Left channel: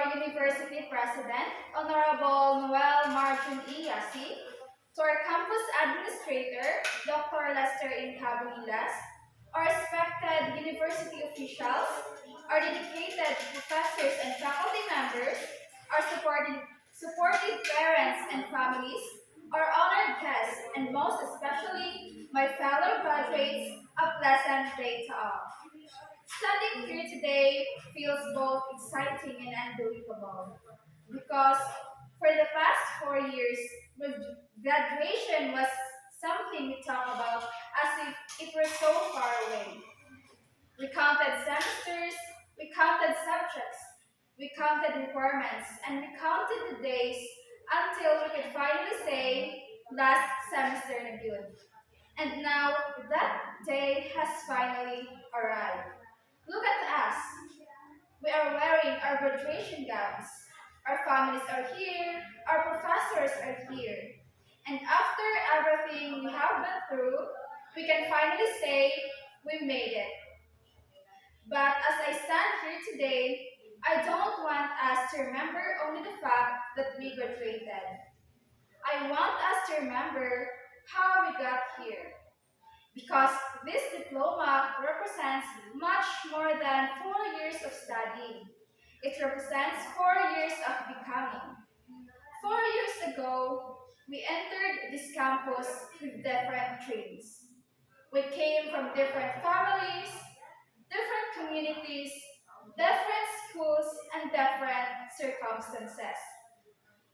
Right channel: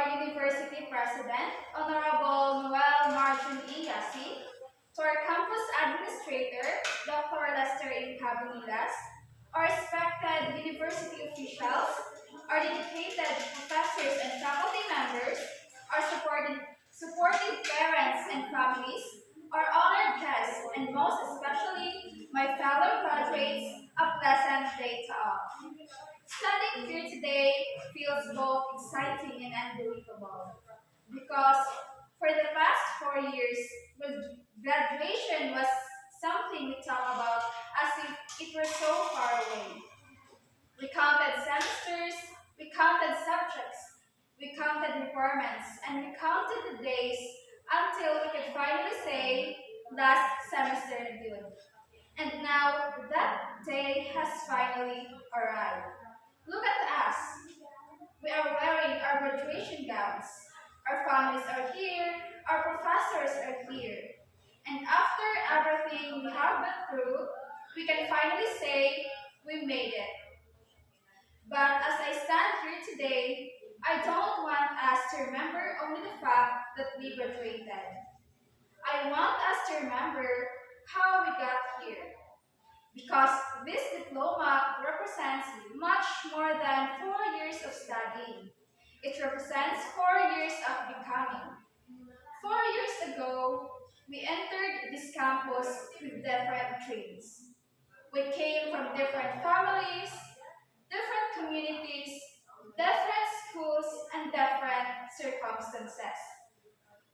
our University President, Honorable Noel Marjun Iyasi, to our campus administrator, Dr. Lester Incabililas, our respected university officials, our dedicated professors and faculty members, our supportive parents and families, our honored guests, and most especially my fellow graduates, a pleasant day to all. Standing here today feels both exciting and unbelievable because for the past 4 years, graduation was something we talk about as if it were so far away. We counted semesters, we counted subjects, we counted requirements, and we counted the days until we could finally say, last semester reviewed. And now that day has finally arrived. Look at us. We are wearing our graduation gowns. Our families are here. Our professors are here. And after everything we have been through, we can finally say we made it. But as I stand here today, I don't want us to remember only the fact that we graduated. I want us to remember how we got here. Because this diploma represents much more than 4 years of studying. It represents 4 years of becoming. 4 years ago, we entered this campus with different dreams. We came from different families, different communities, different schools, and different circumstances.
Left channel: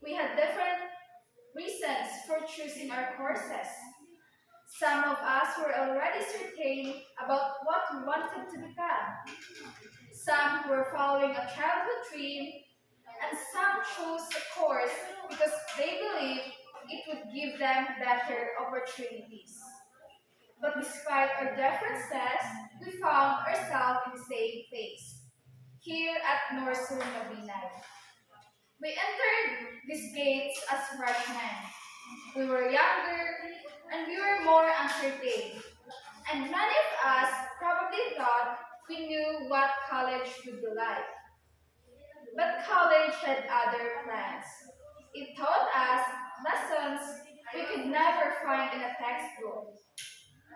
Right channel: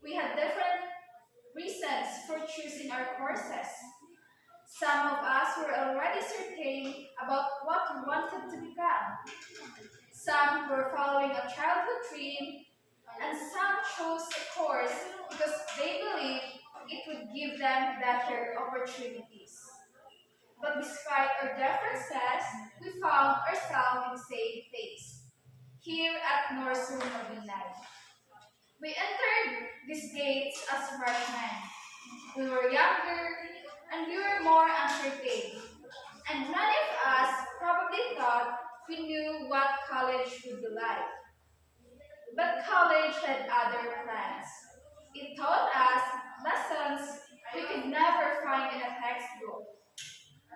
We had different reasons for choosing our courses. Some of us were already certain about what we wanted to become. Some were following a childhood dream, and some chose a course because they believed it would give them better opportunities. But despite our differences, we found ourselves in the same place, here at Norsun Mabinay. We entered these gates as freshmen. We were younger and we were more uncertain. And many of us probably thought we knew what college would be like. But college had other plans. It taught us lessons we could never find in a textbook.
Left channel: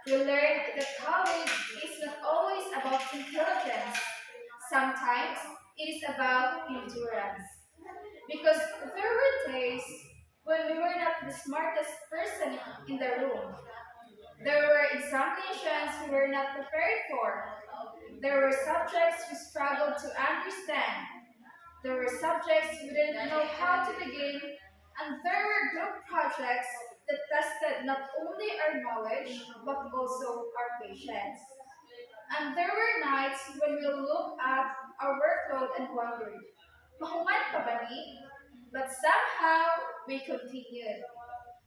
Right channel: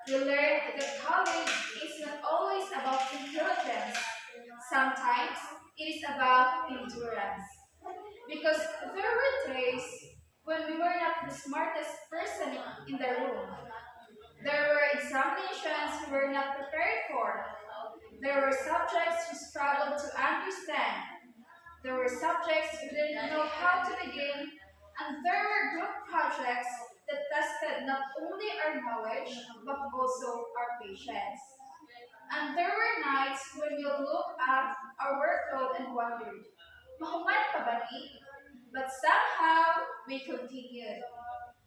We learned that college is not always about intelligence. Sometimes it is about endurance. Because there were days when we were not the smartest person in the room. There were examinations we were not prepared for. There were subjects we struggled to understand. There were subjects we didn't know how to begin. And there were group projects that tested not only our knowledge, but also our patience. And there were nights when we looked at our workload and wondered, mahuman pa ba ni? But somehow we continued.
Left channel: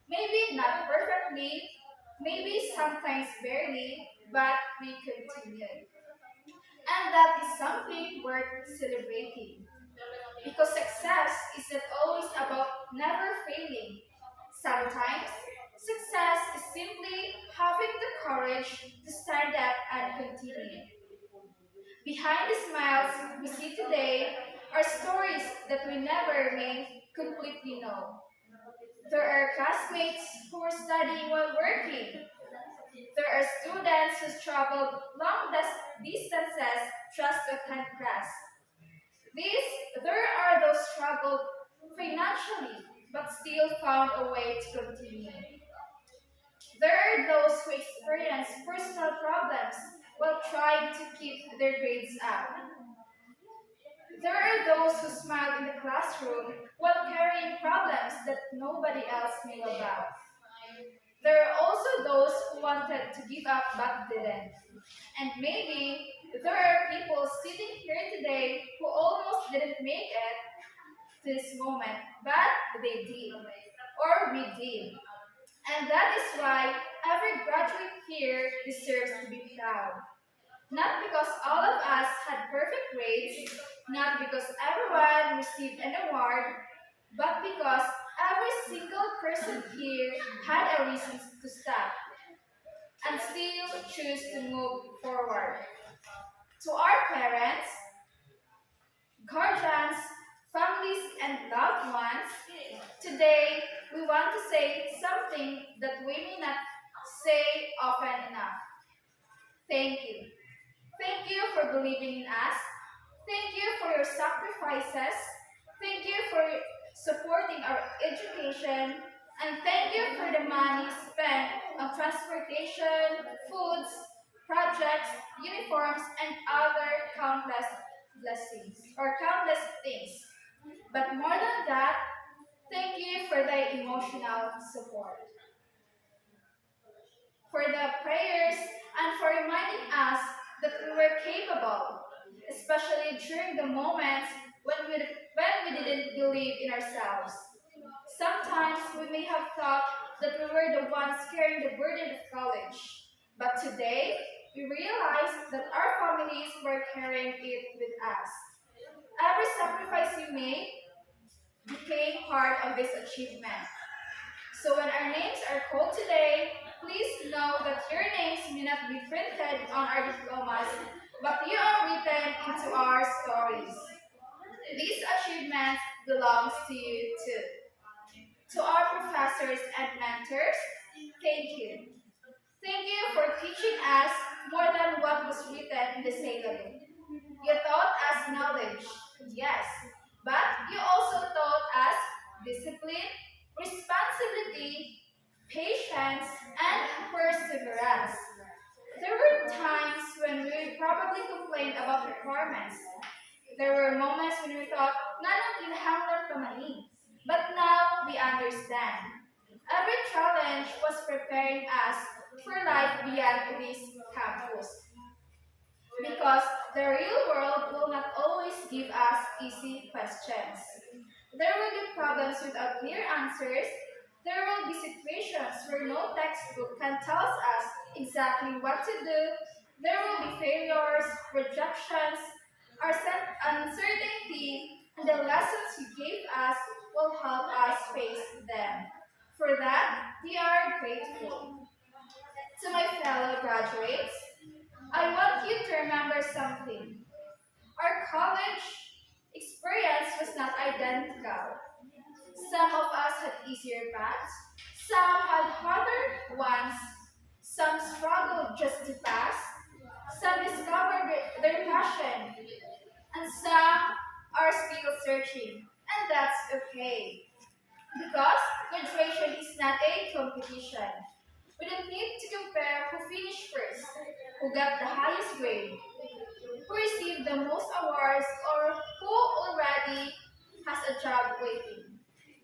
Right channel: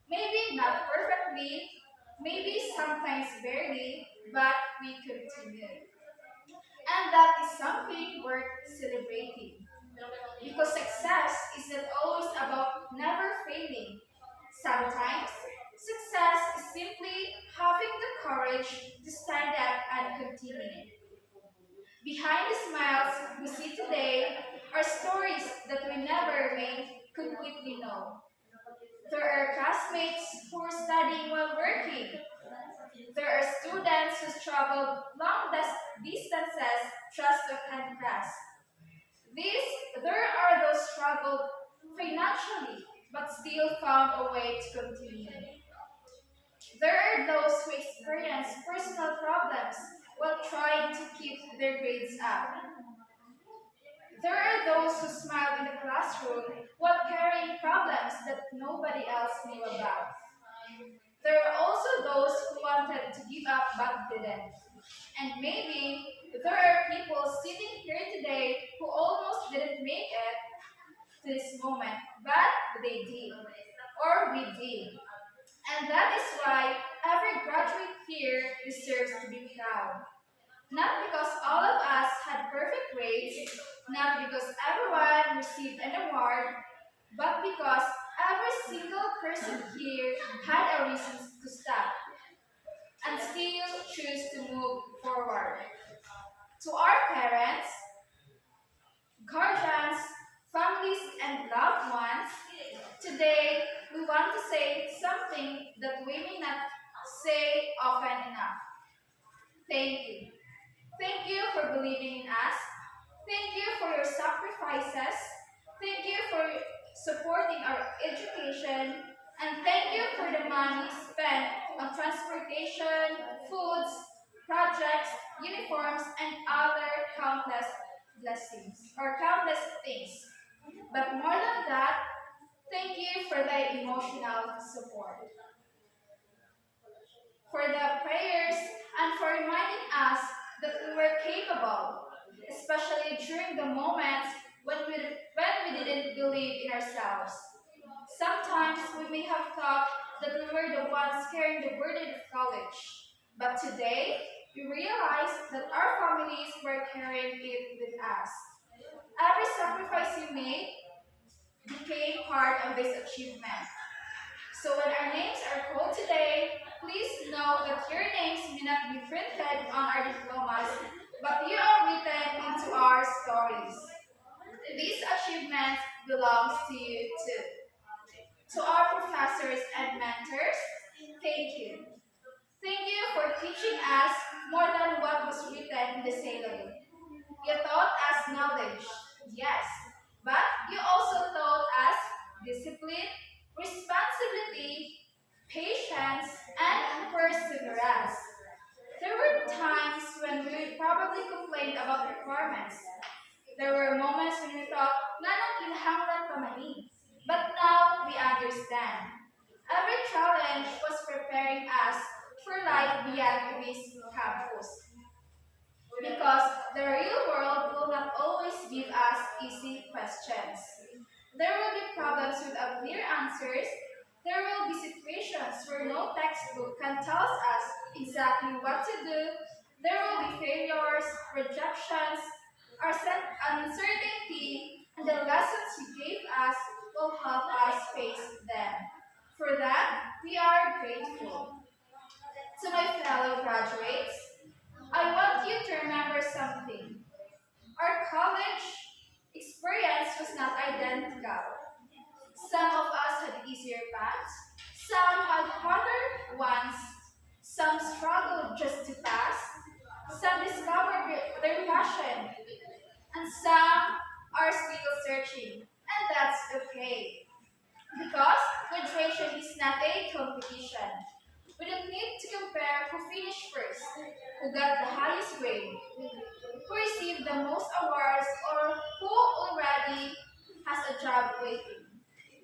Maybe not perfectly, maybe sometimes barely, but we continued. And that is something worth celebrating. Because success is not always about never failing. Sometimes, success is simply having the courage to stand up and continue. Behind the smiles we see today are stories that we never may completely know. There are classmates who are studying while working. There are students who traveled long distances just to attend class. There are those struggled financially but still found a way to continue. There are those who experience personal problems while trying to keep their grades up. There are those who smiled in the classroom while carrying problems that nobody else knew about. There are also those who wanted to give up but didn't. And maybe there are people sitting here today who almost didn't make it to this moment, but they did, or we did. And that is why every graduate here deserves to be proud. Not because all of us had perfect grades, not because everyone received an award, but because every single person here had a reason to stop and still choose to move forward. To our parents, guardians, say something that we may not say often enough. Thank you. Thank you for believing in us. Thank you for your sacrifices. Thank you for supporting our education. And thank you for the money spent on transportation, foods, projects, uniforms, and other countless blessings or countless things. But more than that, thank you for the emotional support, for the prayers, and for reminding us that we were capable, especially during the moments when we didn't believe in ourselves. Sometimes we may have thought that we were the ones carrying the burden of college, but today we realize that our families were carrying it with us. Every sacrifice you made became part of this achievement. So when our names are called today, please know that your names may not be printed on our diplomas, but you are written into our stories. These achievements belongs to you too. To our professors and mentors, thank you. Thank you for teaching us more than what was written in the syllabus. You taught us knowledge, yes, but you also taught us discipline, responsibility, patience, and perseverance. There were times when we probably complained about requirements. There were moments when we thought, nanong kinahanglan pa man ni?" But now we understand. Every challenge was preparing us for life beyond this campus. Because the real world will not always give us easy questions. There will be problems without clear answers. There will be situations where no textbook can tell us exactly what to do. There will be failures, rejections, uncertainty, and the lessons you gave us will help us face them. For that, we are grateful. To my fellow graduates, I want you to remember something. Our college experience was not identical. Some of us had easier paths, some had harder ones, some struggled just to pass, some discovered their passion, and some are still searching. And that's okay. Because graduation is not a competition. We don't need to compare who finished first, who got the highest grade, who received the most awards, or who already has a job waiting.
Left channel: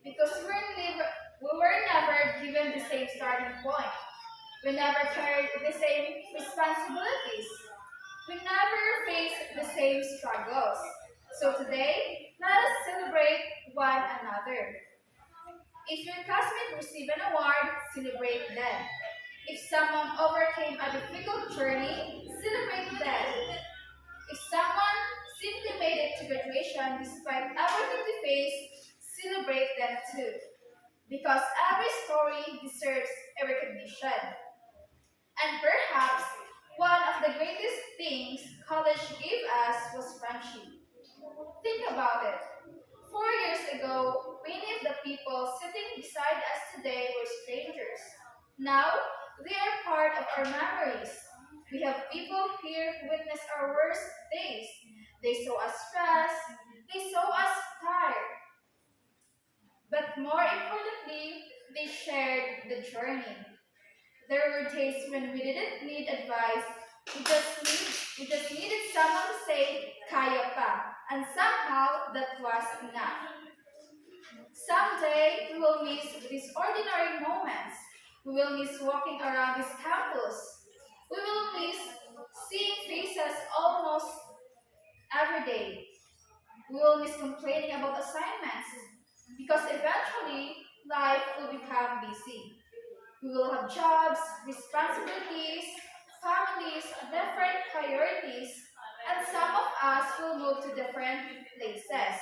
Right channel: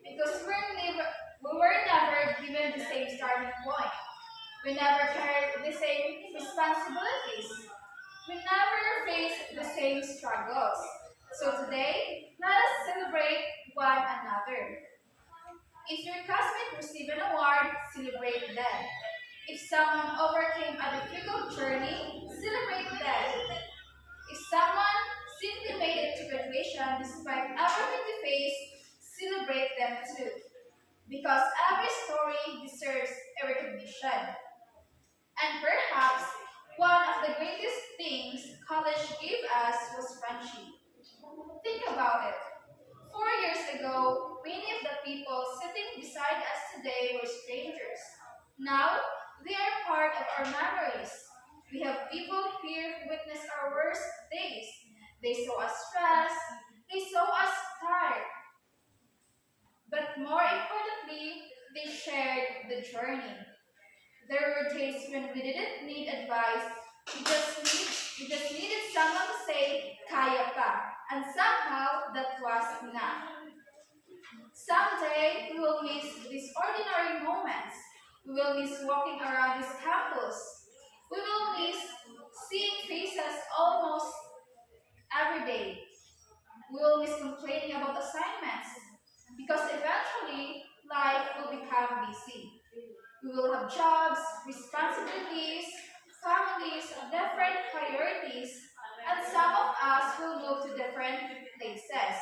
Because we were never given the same starting point. We never carried the same responsibilities. We never faced the same struggles. So today, let us celebrate one another. If your classmate received an award, celebrate them. If someone overcame a difficult journey, celebrate them. If someone simply made it to graduation despite everything they faced, celebrate them too. Because every story deserves a recognition. And perhaps one of the greatest things college gave us was friendship. Think about it. 4 years ago, many of the people sitting beside us today were strangers. Now, they are part of our memories. We have people here who witness our worst days. They saw us stressed. They saw us tired. But more importantly, they shared the journey. There were days when we didn't need advice. We just needed someone to say, kaya pa. And somehow that was enough. Someday we will miss these ordinary moments. We will miss walking around this campus. We will miss seeing faces almost every day. We will miss complaining about assignments. Because eventually, life will become busy. We will have jobs, responsibilities, families, different priorities, and some of us will move to different places.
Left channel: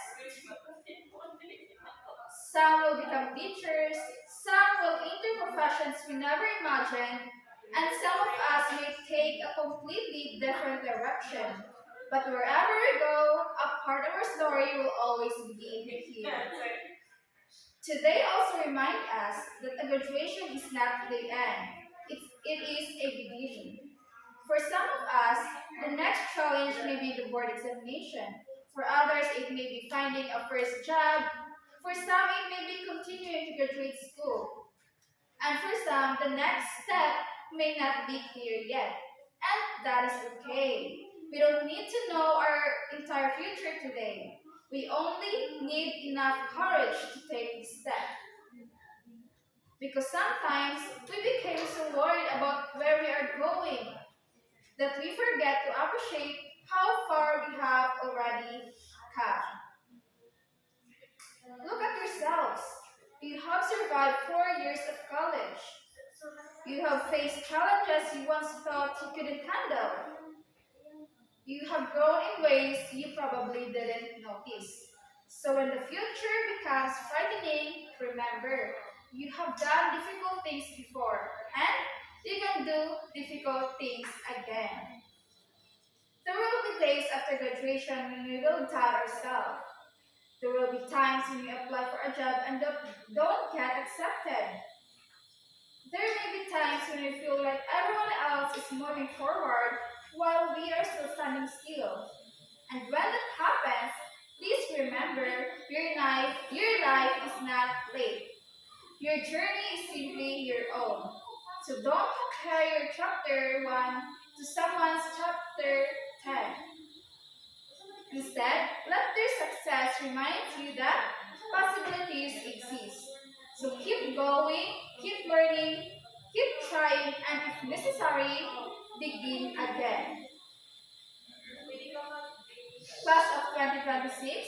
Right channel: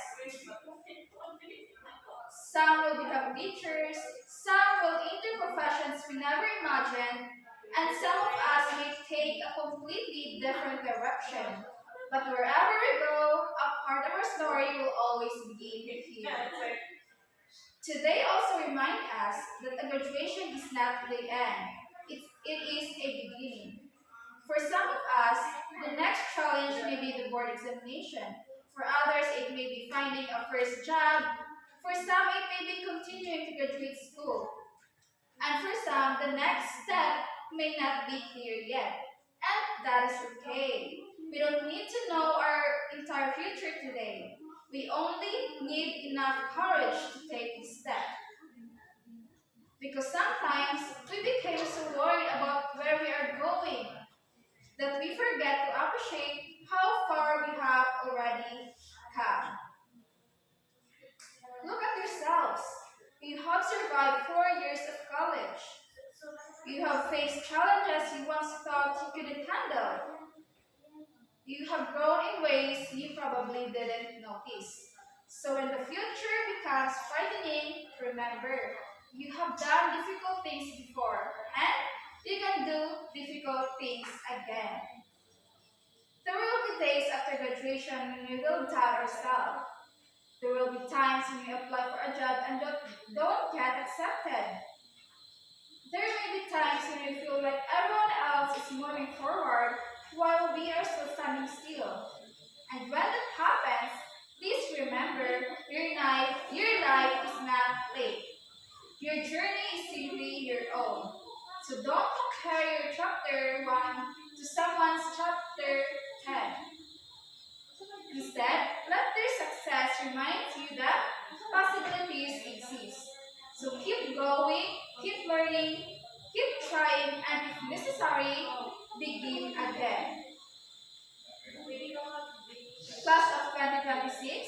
Some will become teachers, some will enter professions we never imagined, and some of us may take a completely different direction. But wherever we go, a part of our story will always begin here. Today also remind us that a graduation is not the end. It is a beginning. For some of us, the next challenge may be the board examination. For others, it may be finding a first job. For some, it may be continuing to graduate school. And for some, the next step may not be clear yet. And that is okay. We don't need to know our entire future today. We only need enough courage to take this step. Because sometimes we became so worried about where we are going that we forget to appreciate how far we have already come. Look at yourselves. You have survived 4 years of college. You have faced challenges you once thought you couldn't handle. You have grown in ways you probably didn't notice. So when the future becomes frightening, remember, you have done difficult things before, and you can do difficult things again. There will be days after graduation when we will doubt ourselves. There will be times when we apply for a job and don't get accepted. There may be times when we feel like everyone else is moving forward while we are still standing still. And when that happens, please remember your life is not late. Your journey is simply your own. So don't compare your chapter 1 to someone's chapter 10. Instead, let their success remind you that possibilities exist. So keep going, keep learning, keep trying, and if necessary, begin again. Class of 2026,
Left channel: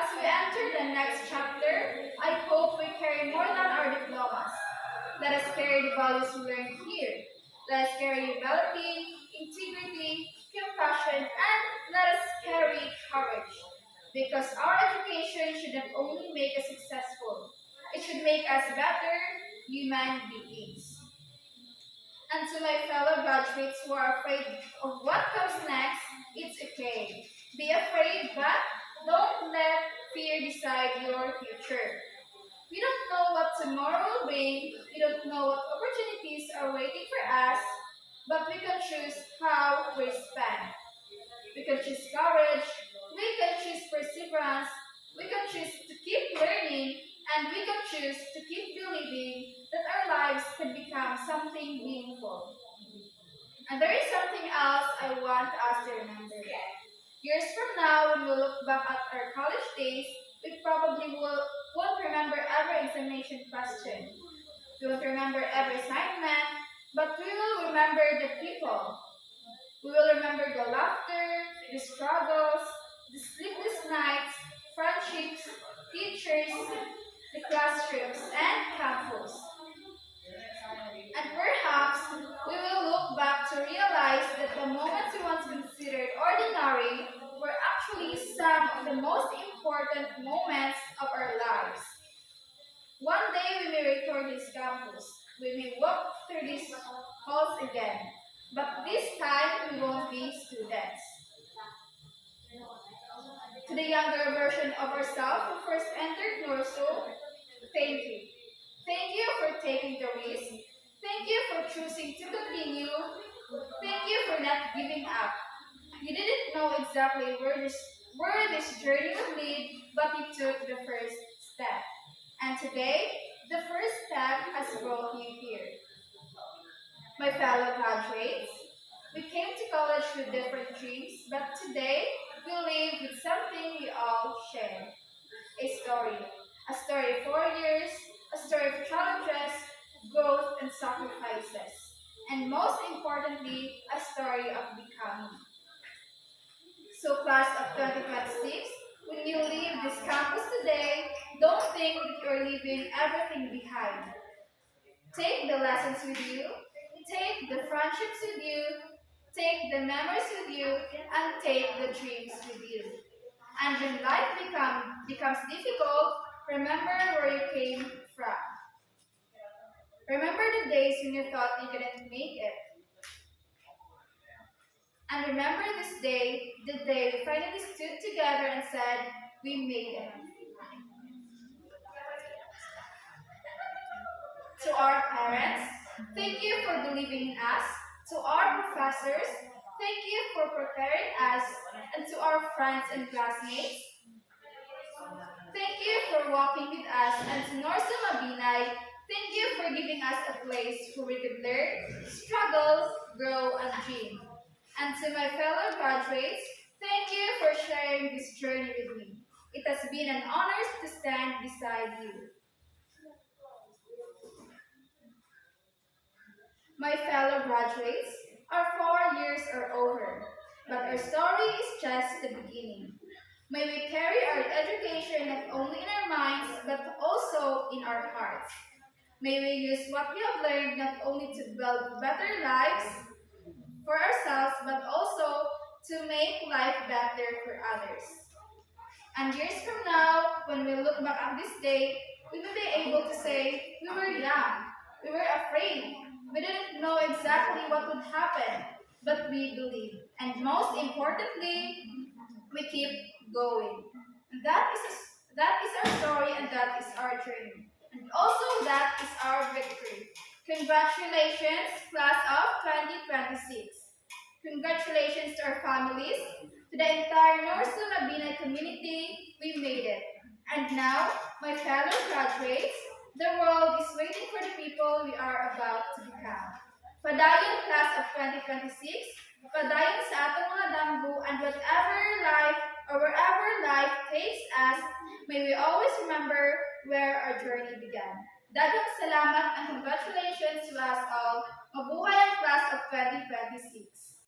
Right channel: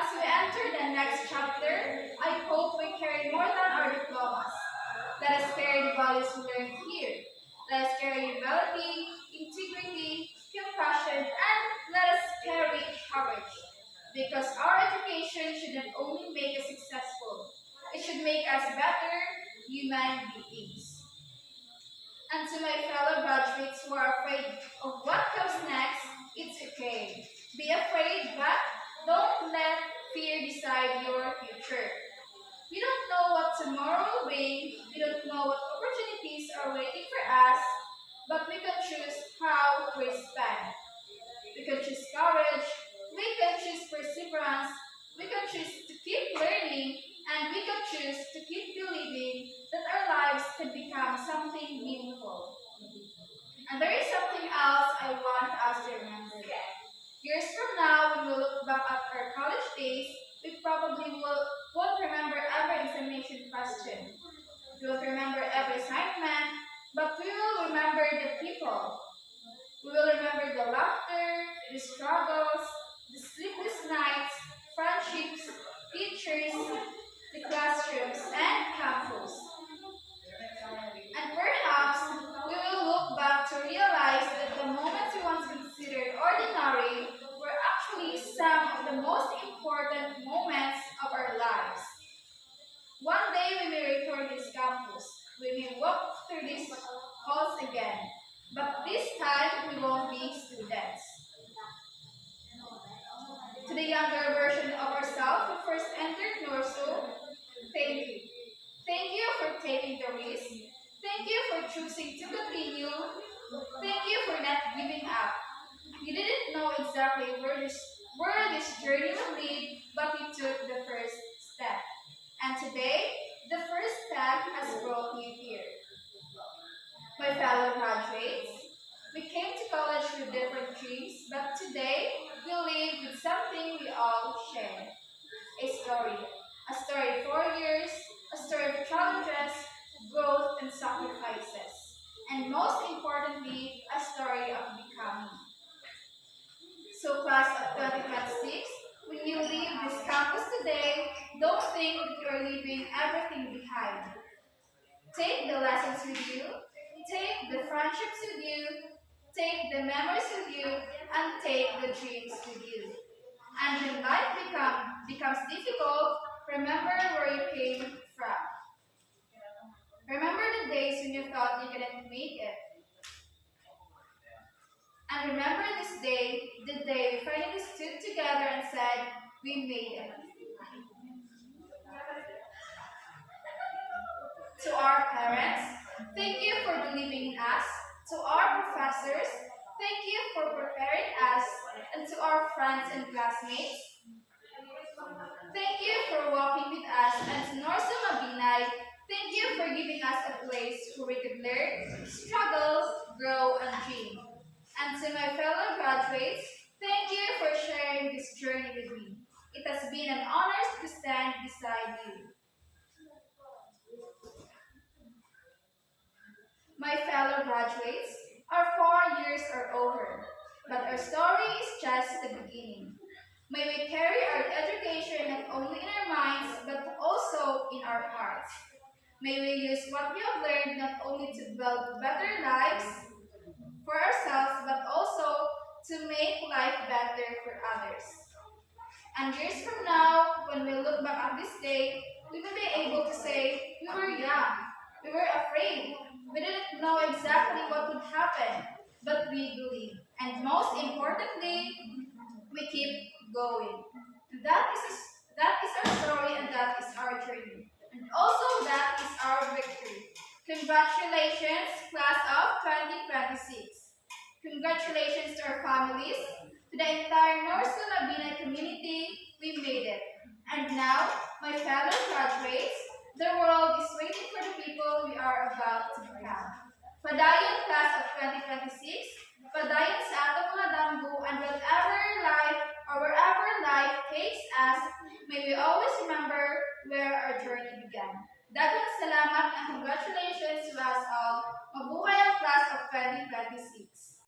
as we enter the next chapter, I hope we carry more than our diplomas. Let us carry the values we learned here. Let us carry humility, integrity, compassion, and let us carry courage. Because our education shouldn't only make us successful, it should make us better human beings. And to my fellow graduates who are afraid of what comes next, it's okay. Be afraid, but don't let fear decide your future. We don't know what tomorrow will bring, we don't know what opportunities are waiting for us, but we can choose how we spend. We can choose courage, we can choose perseverance, we can choose to keep learning, and we can choose to keep believing that our lives can become something meaningful. And there is something else I want us to remember. Years from now, when we look back at our college days, we probably won't remember every examination question. We won't remember every assignment, but we will remember the people. We will remember the laughter, the struggles, the sleepless nights, friendships, teachers, the classrooms, and campus. And perhaps we will look back to realize that the moments we once considered ordinary were actually some of the most important moments of our lives. One day we may return this campus. We may walk through these halls again. But this time we won't be students. To the younger version of ourselves who first entered Norso, thank you. Thank you for taking the risk. Thank you for choosing to continue. Thank you for not giving up. You didn't know exactly where this journey would lead, but you took the first step. And today, the first step has brought you here. My fellow graduates, we came to college with different dreams, but today we live with something we all share. A story. A story of 4 years, a story of challenges, growth, and sacrifices. And most importantly, a story of becoming. So class of 2026, when you leave this campus today, don't think that you're leaving everything behind. Take the lessons with you, take the friendships with you, take the memories with you, and take the dreams with you. And when becomes difficult, remember where you came from. Remember the days when you thought you couldn't make it. And remember this day, the day we finally stood together and said, we made it. To our parents, thank you for believing in us. To our professors, thank you for preparing us. And to our friends and classmates, thank you for walking with us. And to Norsa Mabinay, thank you for giving us a place where we could learn, struggle, grow, and dream. And to my fellow graduates, thank you for sharing this journey with me. It has been an honor to stand beside you. My fellow graduates, our 4 years are over, but our story is just the beginning. May we carry our education not only in our minds, but also in our hearts. May we use what we have learned not only to build better lives for ourselves, but also to make life better for others. And years from now, when we look back at this day, we will be able to say, we were young, we were afraid, we didn't know exactly what would happen, but we believed. And most importantly, we keep going. And that is our story and that is our journey. And also that is our victory. Congratulations, class of 2026. Congratulations to our families, to the entire North Labina community, we made it. And now, my fellow graduates, the world is waiting for the people we are about to become. Padayon class of 2026, padayon sa atong mga damgo, and whatever life or wherever life takes us, may we always remember where our journey began. Daghang salamat and congratulations to us all. Mabuhay ang class of 2026.